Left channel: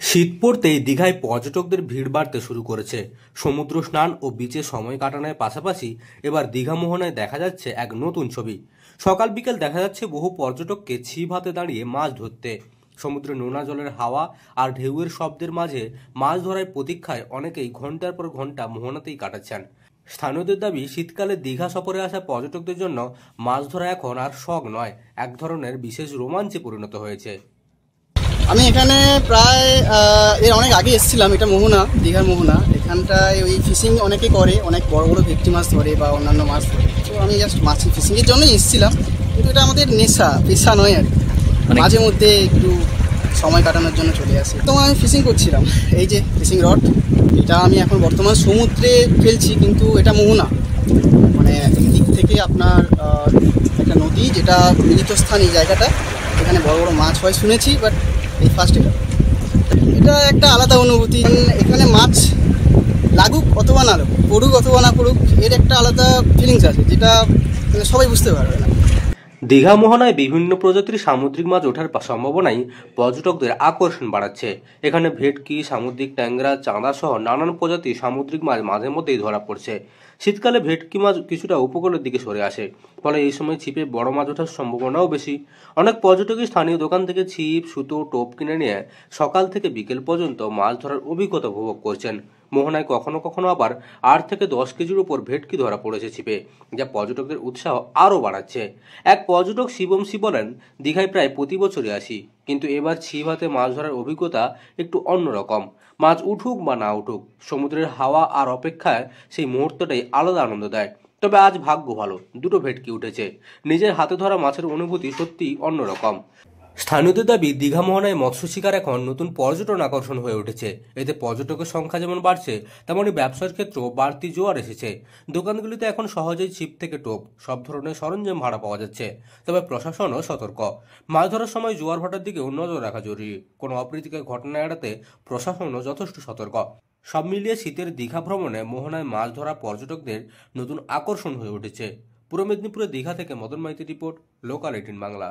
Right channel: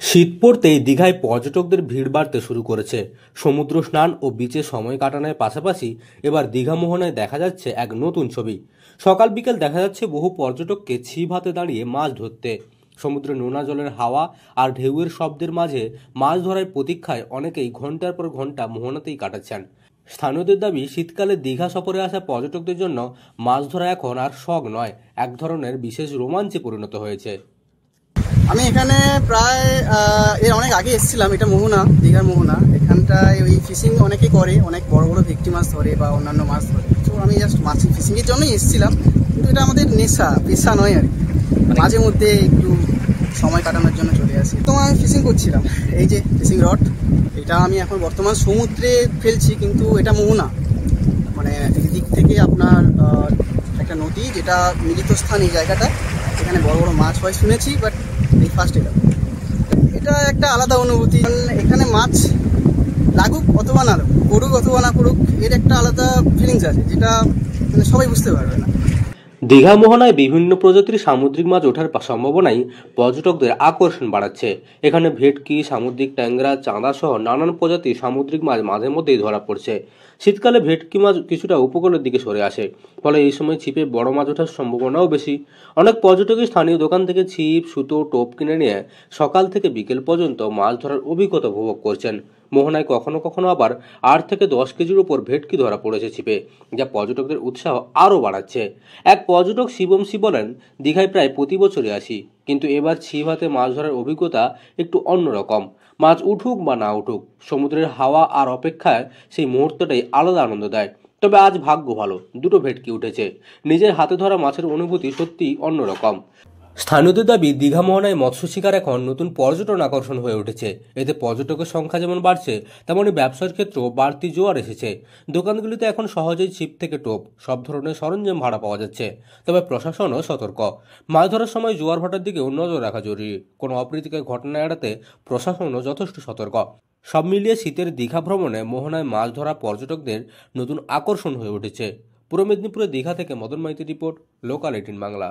শীত পড়তেই দীঘায় পর্যটকদের ভিড় বাড়তে শুরু করেছে। সমুদ্র স্নান ও বিচে সময় কাটানোর পাশাপাশি এবার দীঘা মোহনায় দেখা যাচ্ছে এক নতুন ছবি। সকাল বিকেল দেখা যাচ্ছে বহু পর্যটককে ছিপ হাতে দাঁড়িয়ে মাছ ধরতে। সমুদ্রের নোনা জলের হাওয়া আর ঢেউয়ের শব্দের মাঝে মাছ ধরার প্রতীক্ষায় অনেকেই ঘন্টার পর ঘন্টা মোহনাতেই কাটাচ্ছেন। স্থানীয়দের দাবি, শীতকালে দীঘা সফরে আসা পর্যটকদের জন্য মাছ ধরা এখন আর শখ নয়, এক ধরনের বিশেষ রোমাঞ্চে পরিণত হয়েছে। আমি এখানে প্রায় এর অনেক আগে এসেছিলাম। এটা মোহনা, দীঘার মোহনা। এখানটায় ওই ফিশিং অনেকে করে, অনেক বড় বড় ভেটকি মাছ ধরে বা অন্যান্য মাছ ধরে। তো আমি জাস্ট মাছ ফিশিংয়ের জন্যই এসেছিলাম, কিন্তু এটা আমাদের নেশা, পেশা নয় আর কি। মাঝে মধ্যে একটু সময় কাটানোর জন্য চলে আসি। তো আমি ফিশিং করছিলাম, এই যে ফিশিং রড, এটা আমি এখন বর্তমান সমুদ্রে ফেলছি, কিন্তু এটা মোহনা, মানে দিক থেকে আপনার একটা নদী, যেটা মিলিত স্থান এই জায়গাটা, এখানে বড় বড় মাছ হয় শুনেছি, বাট এই ফার্স্ট এটা একটা আলাদা অনুভূতি। এখানে মাছ লাগুক অথবা না লাগুক, পড়ুক অথবা না পড়ুক, এর একটা আলাদা ফিলিংস আছে, যেটা মানে সবাই বুঝতে পারবে না। দীঘা মোহনায় বিভিন্ন প্রজাতির সামুদ্রিক মাছ ওঠার সম্ভাবনাই পর্যটকদের আকর্ষণ বাড়াচ্ছে। এখানে ভেটকি, সামুদ্রিক ট্যাংরা, চাঁদা সহ নানান প্রজাতির সামুদ্রিক মাছ মাঝে মধ্যেই ধরা পড়ছে। শীতকালে ভেটকি মাছ কিছুটা উপকূলের দিকে সরে আসে, ফলে এই সময় ছিপে বড় মাছ ওঠার সম্ভাবনাও বেশি। অনেক পর্যটকই স্থানীয় দোকান থেকে ছিপ, সুতো, টোপ কিনে নিয়ে সকাল থেকে বিকেল পর্যন্ত মাছ ধরার অভিজ্ঞতা উপভোগ করছেন। মোহনায় কখনো কখনো আবার 8 থেকে 10 কেজির উপর ভেটকি ধরা পড়েছে ছিপে, যা পর্যটকদের উৎসাহ আরও বাড়াচ্ছে। এক পর্যটক শিবম সি বলেন, দীঘায় প্রায় প্রতি বছরই আসি, কিন্তু এবার ছিপ হাতে মাছ ধরার অভিজ্ঞতা একটু অন্যরকম। মাছ উঠুক বা না উঠুক, সমুদ্রের হাওয়া আর অপেক্ষায় সেই মুহূর্তটাই আলাদা আনন্দ দেয়। তবে আজ ভাগ্য ভালো, দুটো ভেটকি উঠেছে। নিজের হাতে ধরা মাছের অনুভূতি সত্যিই অন্যরকম। স্থানীয়দের দাবি, দীঘা মোহনায় মৎস্য শিকার এখন নতুন পর্যটন আকর্ষণ হয়ে উঠেছে। এতে পর্যটকের সংখ্যা যেমন বাড়ছে, তেমনি ব্যবসার ক্ষেত্রেও বাড়তি জোয়ার এসেছে। দোকানগুলিতে এখন সহজেই ছিপ থেকে টোপ, সব ধরনের সরঞ্জাম ভাড়া পাওয়া যাচ্ছে। তবে প্রশাসনও সতর্ক, মাছ ধরার সময় জোয়ার ভাটার দিকেও নজর রাখা জরুরি। কোনো অপ্রীতিকর ঘটনা এড়াতে প্রশাসনও যথেষ্ট সতর্ক। সব মিলিয়ে শীতের দীঘা ভ্রমণে মোহনায় মাছ ধরা পর্যটকদের নতুন আকর্ষণ হয়ে উঠেছে। পূর্ব মেদিনীপুরের দীঘা থেকে মদন মাইতি রিপোর্ট, লোকাল 18 বাংলা।